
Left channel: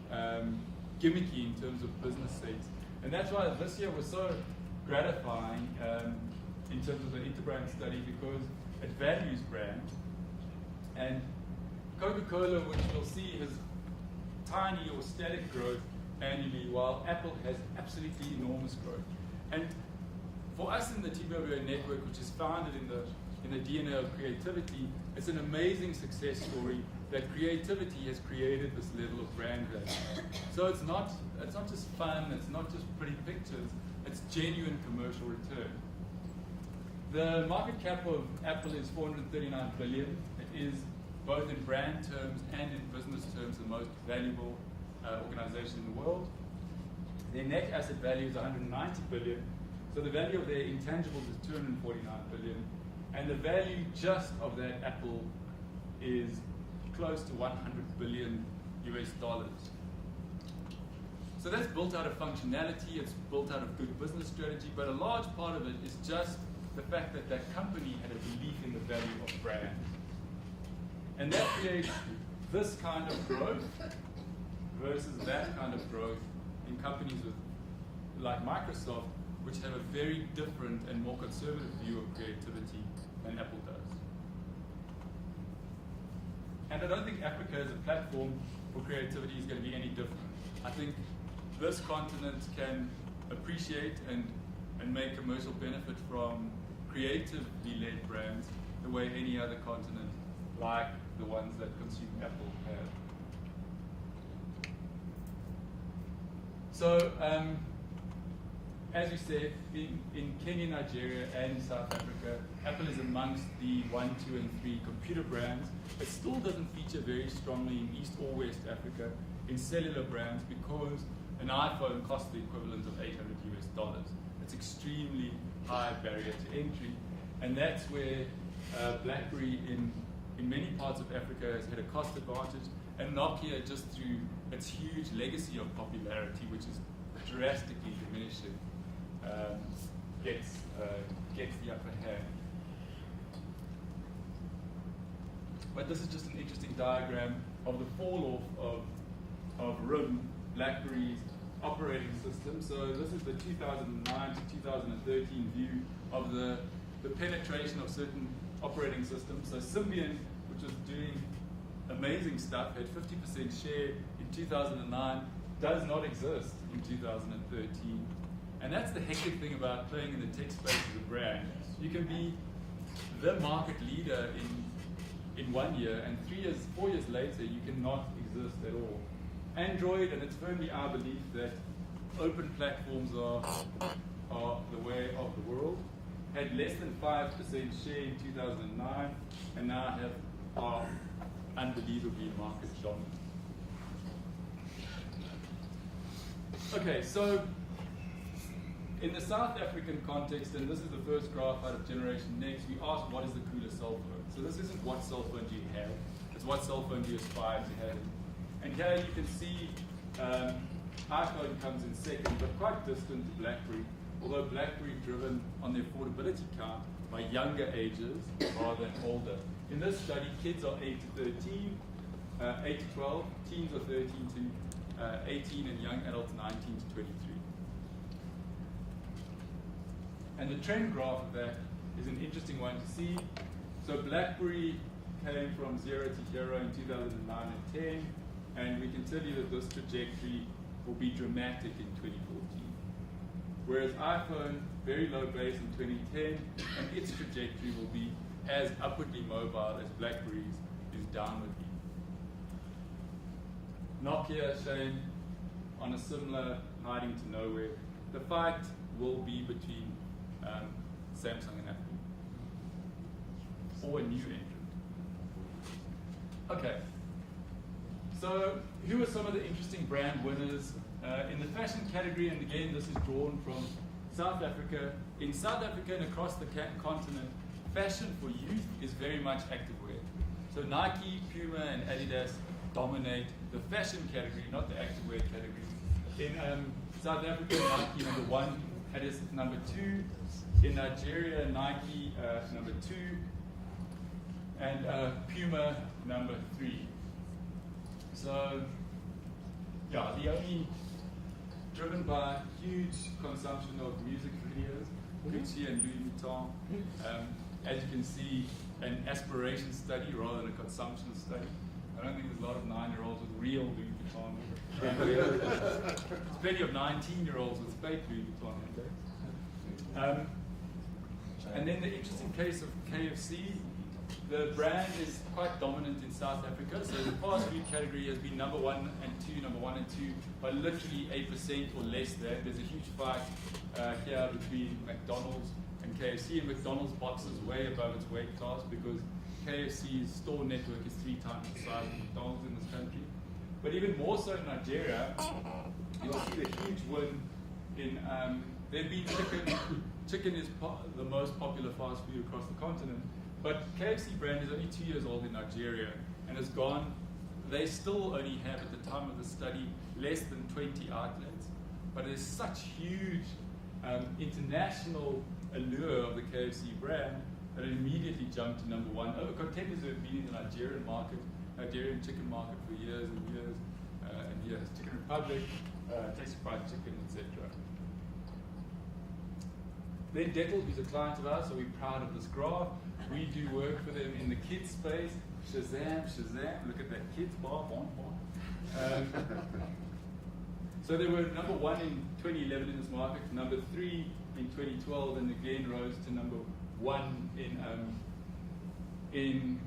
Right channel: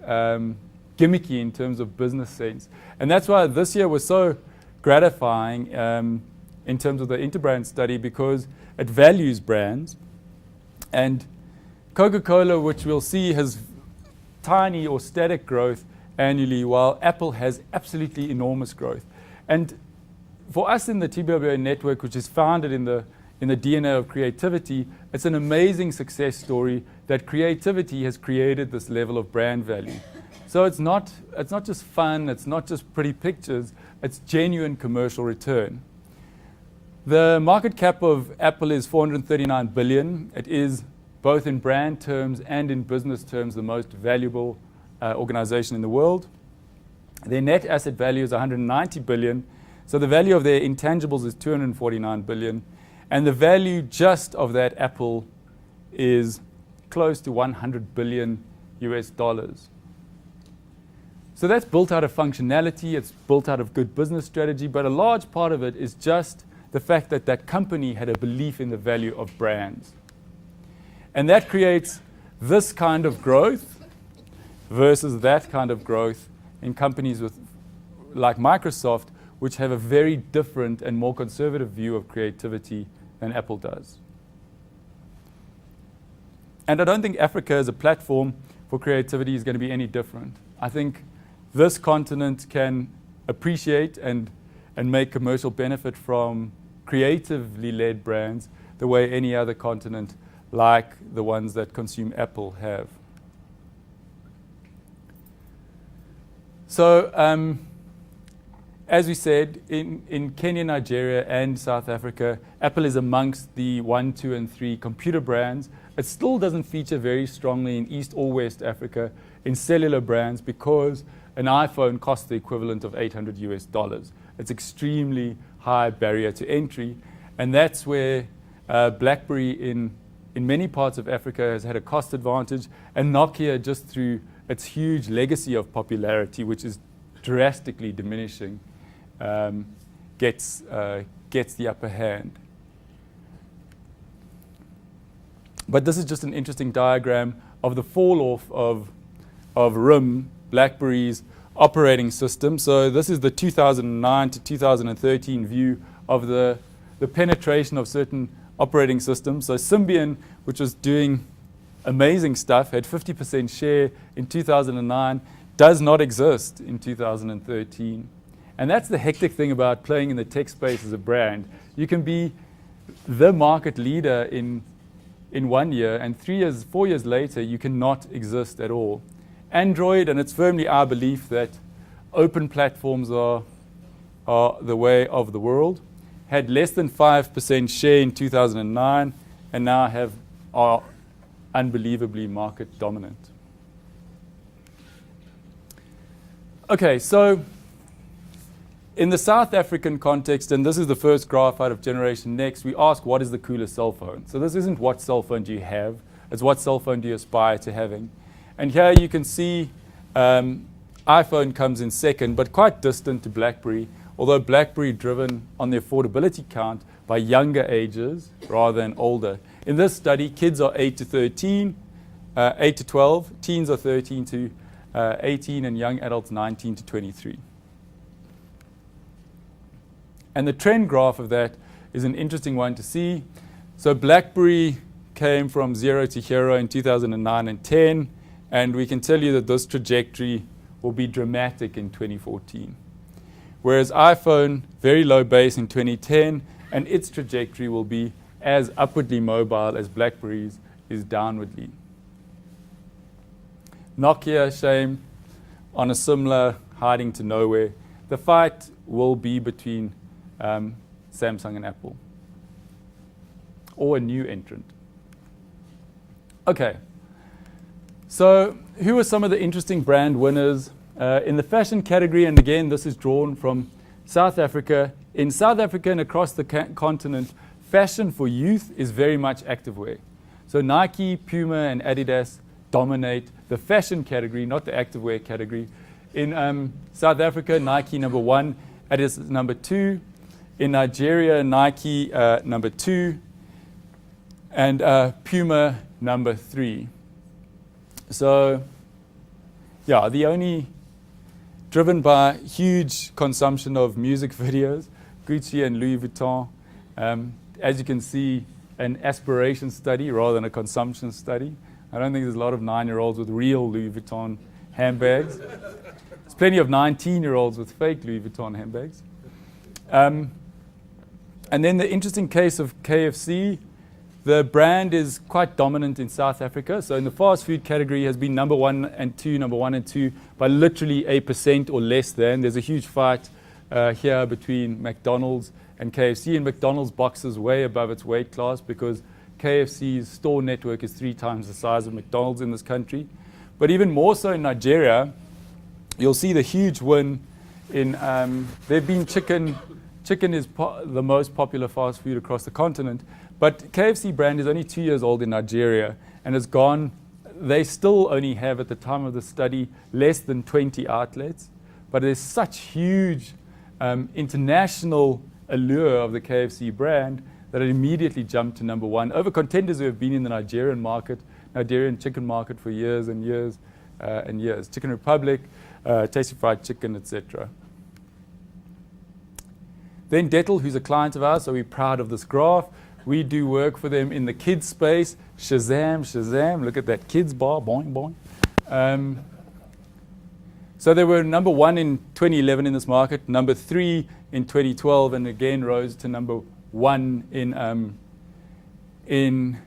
gimmicky in terms of business sense. And that's why this year was so gratifying in terms of the Interbrand study, because it values brands. And Coca-Cola, which we'll see, has tiny or static growth annually, while Apple has absolutely enormous growth. And for us in the TBWA network, which is founded in the DNA of creativity, it's an amazing success story that creativity has created this level of brand value. So it's not just fun, it's not just pretty pictures, it's genuine commercial return. The market cap of Apple is $439 billion. It is, both in brand terms and in business terms, the most valuable organization in the world. Their net asset value is $190 billion. So the value of their intangibles is $249 billion. And the value just of that Apple is close to $100 billion US dollars. So that's built out of functionality, it's built out of good business strategy, but a large part of it is just the fact that that company had a belief in the value of brands. And that creates this kind of growth versus that kind of growth in companies like Microsoft, which have a very different and more conservative view of creativity than Apple does. And I don't think Africa as a platform for creativity is going to be any different. I think this continent can appreciate and make commercial benefit from creatively led brands the way any other continent like the ones that consume Apple have. So as we said, in Kenya, Nigeria, and South Africa, Apple is amongst the 1, 2, and 3 computer brands. It still doesn't feature very strongly in East or West Africa in cellular brands because an iPhone costs the equivalent of $800 US. It's extremely high barrier to entry, and that's where BlackBerry in many parts of Africa has had a cost advantage, and Nokia, just through its huge legacy of popularity, which is drastically diminishing, gets the upper hand. But this is just an interesting diagram of the fall off of RIM, BlackBerry's operating system. So this is the 2009 to 2013 view of the penetration of certain operating systems. So Symbian, which was doing amazing stuff, had 50% share in 2009, does not exist in 2013. And that's the hectic thing about playing in the tech space as a brand. You can be the market leader in 1 year, and 3 years, 4 years later, you cannot exist at all. Android, and it's firmly our belief that open platforms are the way of the world, had less than 5% share in 2009, and now are unbelievably market dominant. Okay, so in the South African context, and this is the first graph out of Generation Next, we ask what is the coolest cell phone? So this isn't what cell phone do you have, it's what cell phone do you aspire to having. And here you can see iPhone comes in second, but quite distant to BlackBerry, although BlackBerry driven on the affordability count by younger ages rather than older. In this study, kids are 8 to 12, teens are 13 to 18, and young adults 19 to 23. And the trend graph of that is an interesting one to see. So BlackBerry came from 0 to hero in 2009 and 10, and we can tell you that this trajectory will be dramatic in 2014. Whereas iPhone, very low base in 2010, and its trajectory will be as upwardly mobile as BlackBerry's is downwardly. Nokia, shame, on a similar hiding to nowhere. The fight will be between Samsung and Apple, or a new entrant. Okay, so who are some of the interesting brand winners in the fashion category? And again, this is drawn from South Africa. In South Africa and across the continent, fashion for youth is very much activewear. So Nike, Puma, and Adidas dominate the fashion category, not the activewear category. In South Africa, Nike number 1, Adidas number 2. In Nigeria, Nike number 2, and Puma number 3. So, yeah, the only driven by huge consumption of music videos, Gucci and Louis Vuitton. As you can see, an aspiration study rather than a consumption study. I don't think there's a lot of 9-year-olds with real Louis Vuitton handbags. There's plenty of 19-year-olds with fake Louis Vuitton handbags. And then the interesting case of KFC, the brand is quite dominant in South Africa. So in the fast food category has been number 1 and 2 by literally 8% or less than. There's a huge fight here between McDonald's and KFC, and McDonald's boxes way above its weight class because KFC's store network is 3 times the size of McDonald's in this country. But even more so in Nigeria, you'll see the huge win in, there've been chicken. Chicken is the most popular fast food across the continent, but KFC brand is only 2 years old in Nigeria and has gone, they still only have at the time of the study less than 20 outlets, but there's such huge international allure of the KFC brand that it immediately jumped to number 1 over contenders who have been in the Nigerian chicken market for years and years and years. Chicken Republic, Tasty Fried Chicken, etc. Then Dettel, who's a client of ours, so we're proud of this graph. We do work for them in the kids space. Shazam, Shazam, look at that kids bar, boing, boing. So they were number 1 in 2011 in this market, number 3 in 2012, and again rose to number 1 in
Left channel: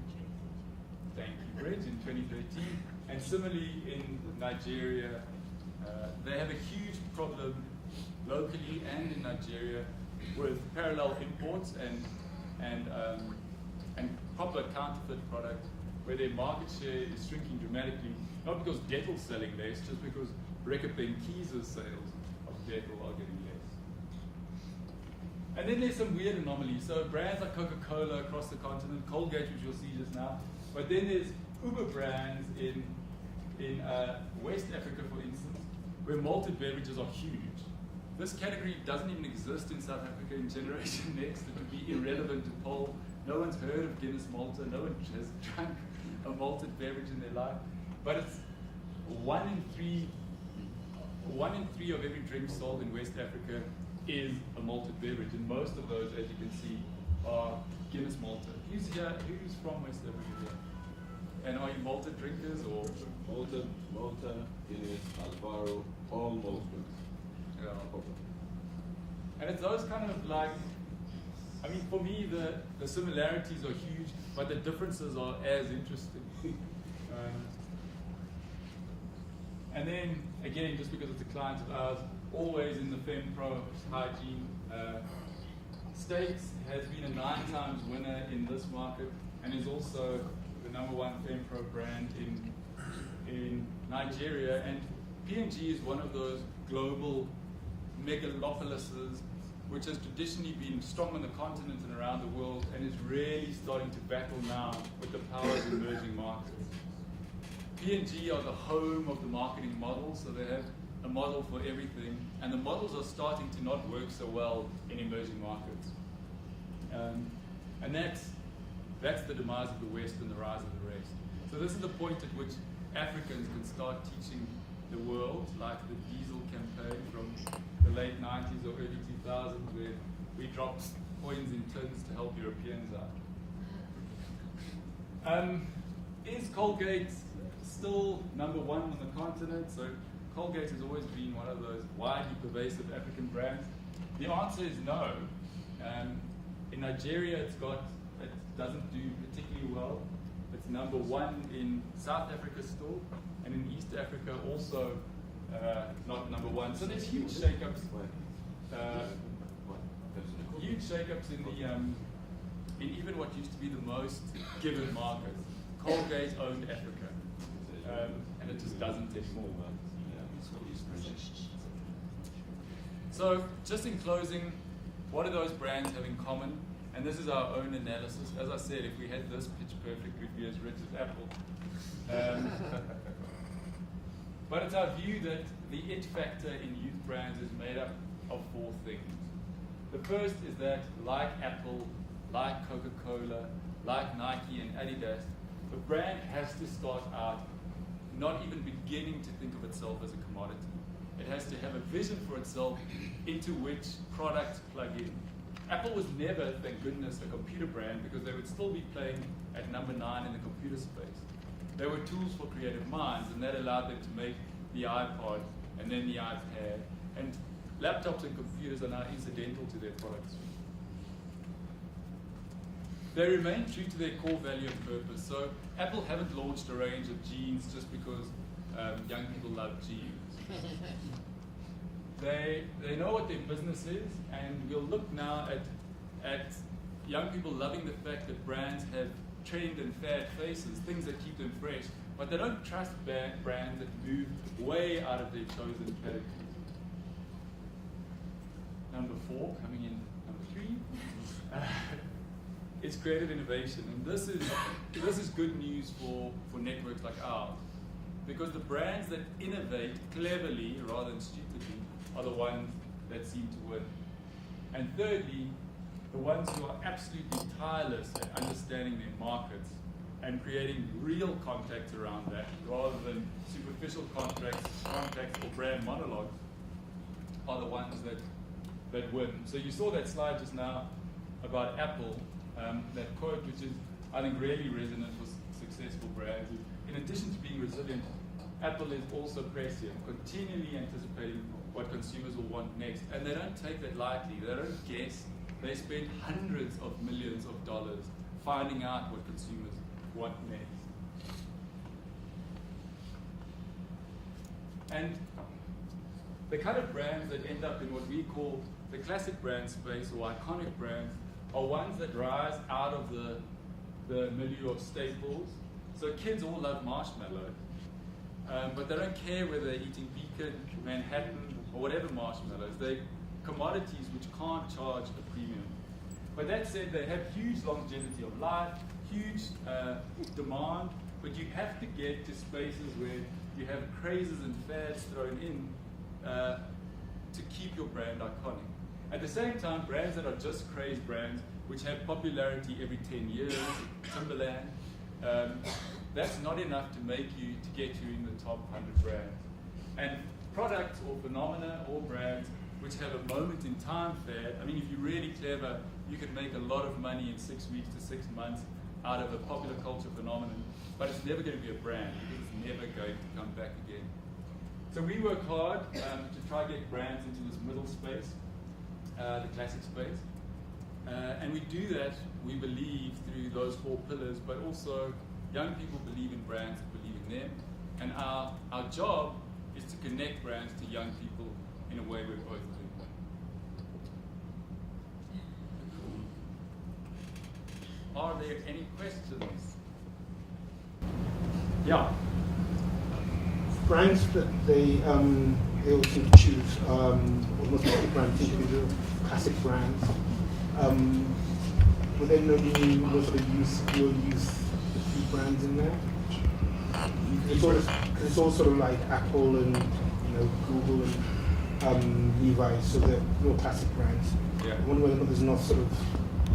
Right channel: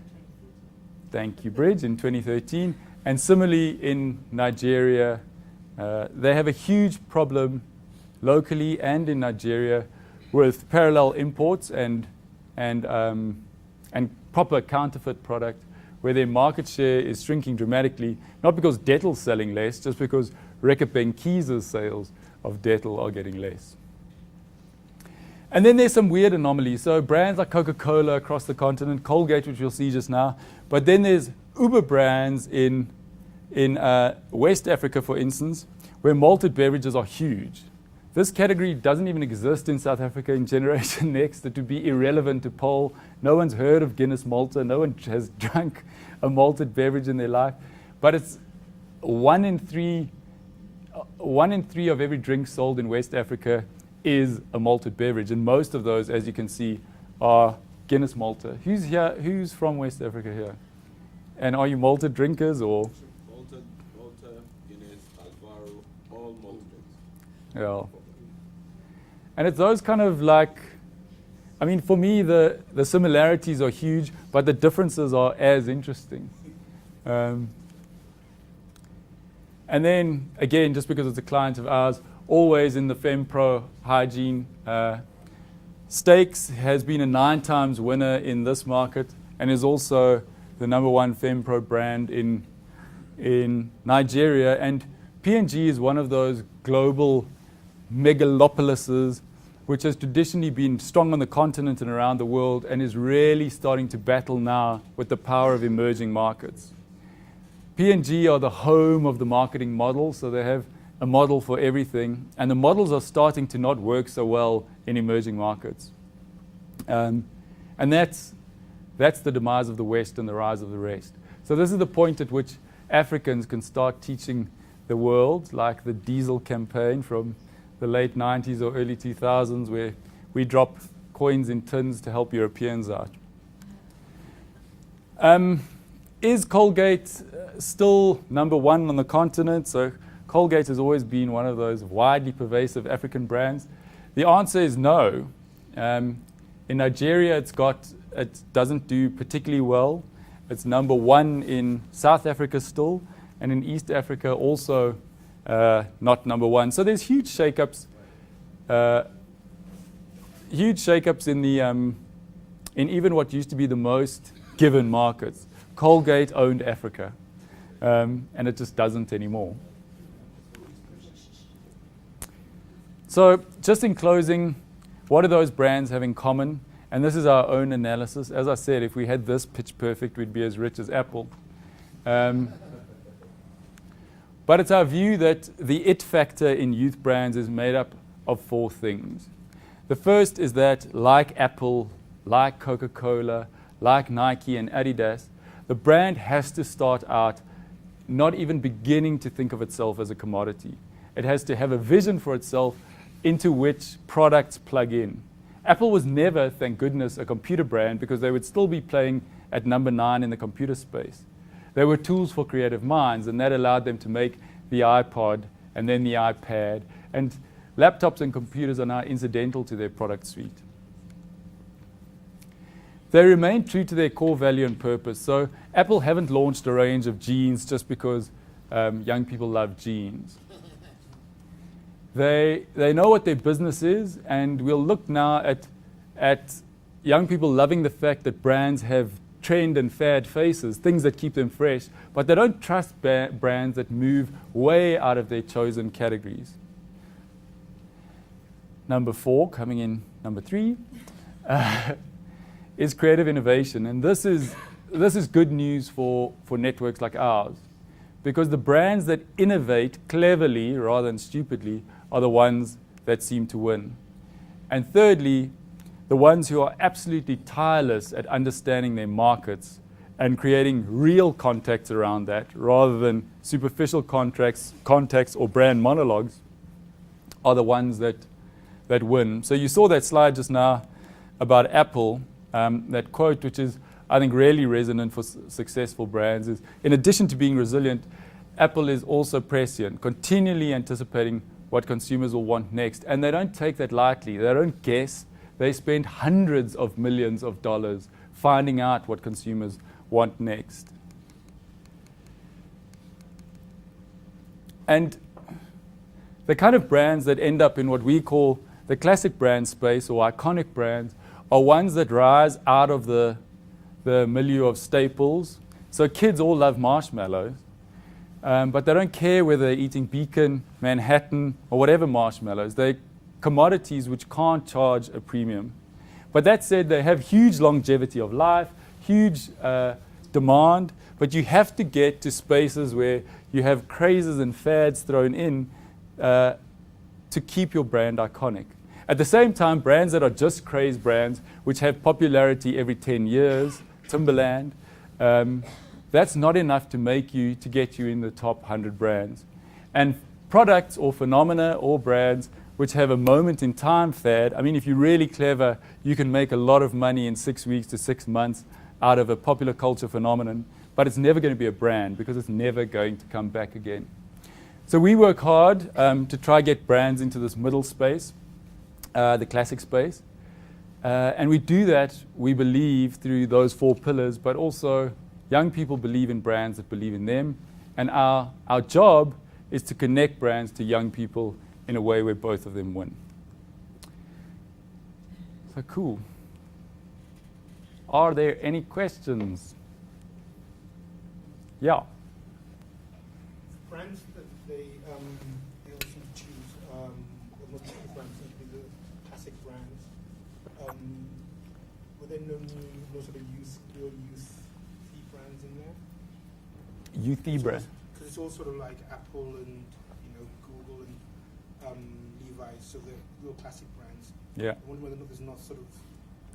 thank you, Bridge, in 2013. And similarly in Nigeria, they have a huge problem locally and in Nigeria with parallel imports and proper counterfeit product, where their market share is shrinking dramatically, not because Dettel's selling less, just because Reckitt Benckise's sales of Dettel are getting less. And then there's some weird anomalies. So brands like Coca-Cola across the continent, Colgate, which you'll see just now, but then there's Uber brands in West Africa, for instance, where malted beverages are huge. This category doesn't even exist in South Africa in Generation Next. It would be irrelevant to poll. No one's heard of Guinness Malta. No one has drunk a malted beverage in their life. But it's 1 in 3 of every drink sold in West Africa is a malted beverage. And most of those, as you can see, are Guinness Malta. Who's here? Who's from West Africa here? And are you malted drinkers or? Malta, Guinness, Alvaro, all malted. Yeah. And it's those kind of like, I mean, for me, the similarities are huge, but the differences are as interesting. And then, again, just because it's a client of ours, always in the FemPro hygiene, Steaks has been a 9 times winner in this market and is also the number 1 FemPro brand in Nigeria. And P&G is one of those global megalopolises which has traditionally been strong on the continent and around the world and is really starting to battle now with the power of emerging markets. P&G are the home of the marketing model, so they have a model for everything, and the models are starting to not work so well in emerging markets. And that's the demise of the West and the rise of the rest. So this is the point at which Africans can start teaching the world, like the diesel campaign from the late 90s or early 2000s, where we drop coins in tins to help Europeans out. Is Colgate still number 1 on the continent? So Colgate has always been one of those widely pervasive African brands? The answer is no. In Nigeria, it doesn't do particularly well. It's number 1 in South Africa still, and in East Africa also not number 1. So there's huge shakeups. Huge shakeups in the in even what used to be the most given markets. Colgate owned Africa, and it just doesn't anymore. So just in closing, what do those brands have in common? And this is our own analysis. As I said, if we had this pitch perfect, we'd be as rich as Apple. But it's our view that the it factor in youth brands is made up of 4 things. The first is that, like Apple, like Coca-Cola, like Nike and Adidas, the brand has to start out not even beginning to think of itself as a commodity. It has to have a vision for itself into which products plug in. Apple was never, thank goodness, a computer brand because they would still be playing at number 9 in the computer space. They were tools for creative minds, and that allowed them to make the iPod and then the iPad. And laptops and computers are now incidental to their product suite. They remain true to their core value and purpose. So Apple haven't launched a range of jeans just because young people love jeans. They know what their business is, and we'll look now at young people loving the fact that brands have trend and fad faces, things that keep them fresh, but they don't trust brands that move way out of their chosen categories. Number 4, coming in number 3, is creative innovation. And this is good news for networks like ours, because the brands that innovate cleverly rather than stupidly are the ones that seem to win. And thirdly, the ones who are absolutely tireless at understanding their markets and creating real contacts around that rather than superficial contacts or brand monologues are the ones that win. So you saw that slide just now about Apple, that quote, which is, I think, really resonant for successful brands, is, in addition to being resilient, Apple is also prescient, continually anticipating what consumers will want next. And they don't take that lightly. They don't guess. They spend hundreds of millions of dollars finding out what consumers want next. And the kind of brands that end up in what we call the classic brand space or iconic brands are ones that rise out of the milieu of staples. So kids all love marshmallows, but they don't care whether they're eating Beacon, Manhattan, or whatever marshmallows. They're commodities which can't charge a premium. But that said, they have huge longevity of life, huge demand, but you have to get to spaces where you have crazes and fads thrown in to keep your brand iconic. At the same time, brands that are just craze brands, which have popularity every 10 years, Timberland, that's not enough to get you in the top 100 brands. And products or phenomena or brands which have a moment in time fad, I mean, if you're really clever, you can make a lot of money in 6 weeks to 6 months out of a popular culture phenomenon, but it's never going to be a brand because it's never going to come back again. So we work hard to try get brands into this middle space, the classic space. And we do that, we believe, through those 4 pillars, but also young people believe in brands that believe in them. And our job is to connect brands to young people in a way where both of them win. So cool. Are there any questions? Yeah. Brands that they all seem to choose, almost like brands seem to be the classic brands. Will there no be most of the youth brands in there? It's all sort of like Apple and Google and Levi's, so they're real classic brands. Yeah. I wonder whether there's not sort of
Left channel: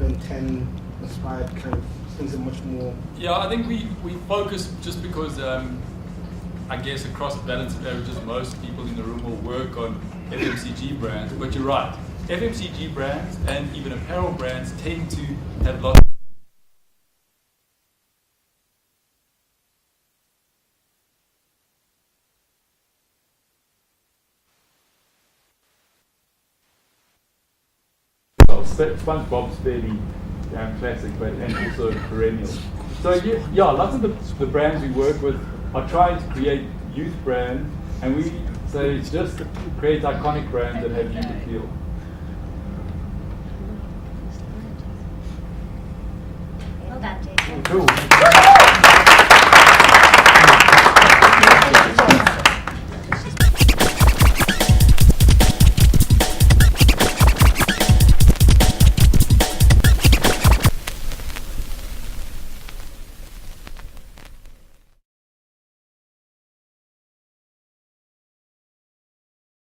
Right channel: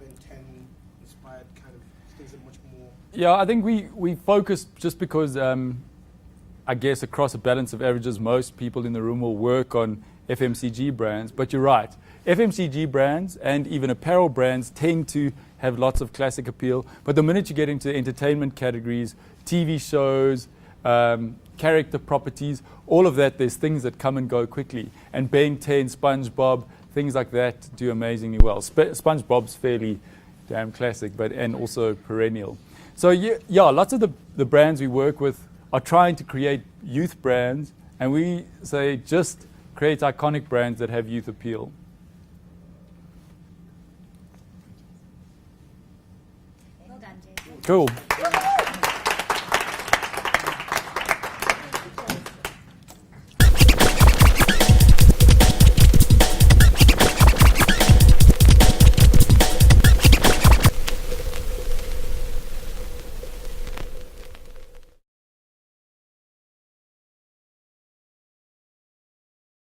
Ben 10 inspired kind of things that are much more. Yeah, I think we focus just because I guess across a balance of averages, most people in the room will work on FMCG brands. But you're right. FMCG brands and even apparel brands tend to have lots of classic appeal. But the minute you get into entertainment categories, TV shows, character properties, all of that, there's things that come and go quickly. And Ben 10, SpongeBob, things like that do amazingly well. SpongeBob's fairly damn classic, and also perennial. So yeah, lots of the brands we work with are trying to create youth brands, and we say just create iconic brands that have youth appeal. Well done, Jason. Cool.